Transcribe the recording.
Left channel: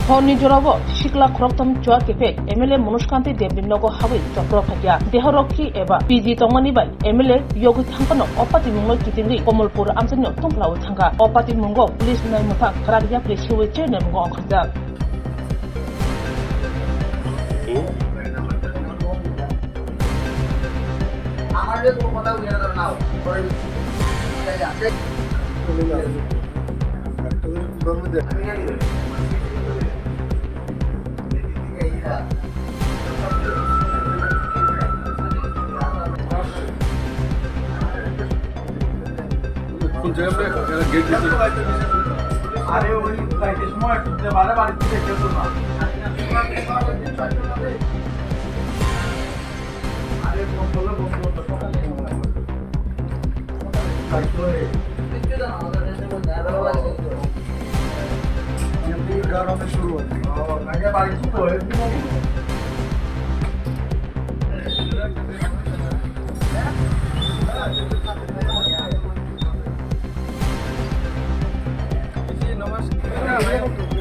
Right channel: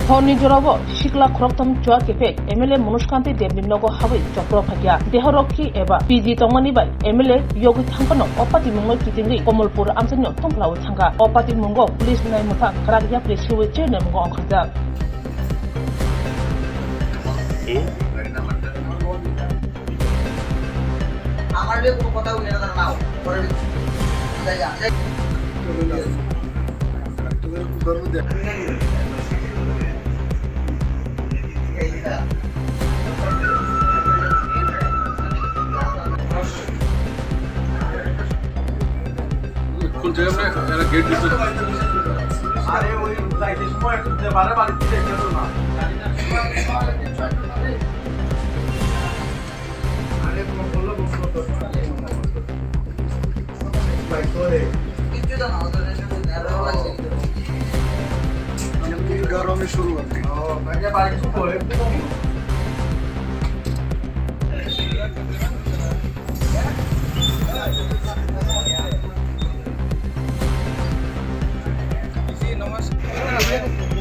Honi Jorobo, Shikla Kroktam Chuwak Effect, MLA Manoj Devi Nogo Hawi, Chopropbo, Dehoroki Eva, PG Tongmanibai, MLA Yogi Tampano, Opati Mungo Kitini, Komolpur Amsano, Tumpla Tanga, Opati Mungo, Police Naimuta, Karagia, Pleshi, Chen and Mungo Kazak. ফুল জায়গা মেরা gate দিতে আরে ওই যাইতে সময় একটু বারে বারে দিতে যেত না আরে বলে বসলো তো লাইক করে কিছু তো না ওদের মধ্যে নেড়া আছে আমি গরমে শুরু হচ্ছে ও লাগে বাড়ি কিছু করে দিব नमस्कार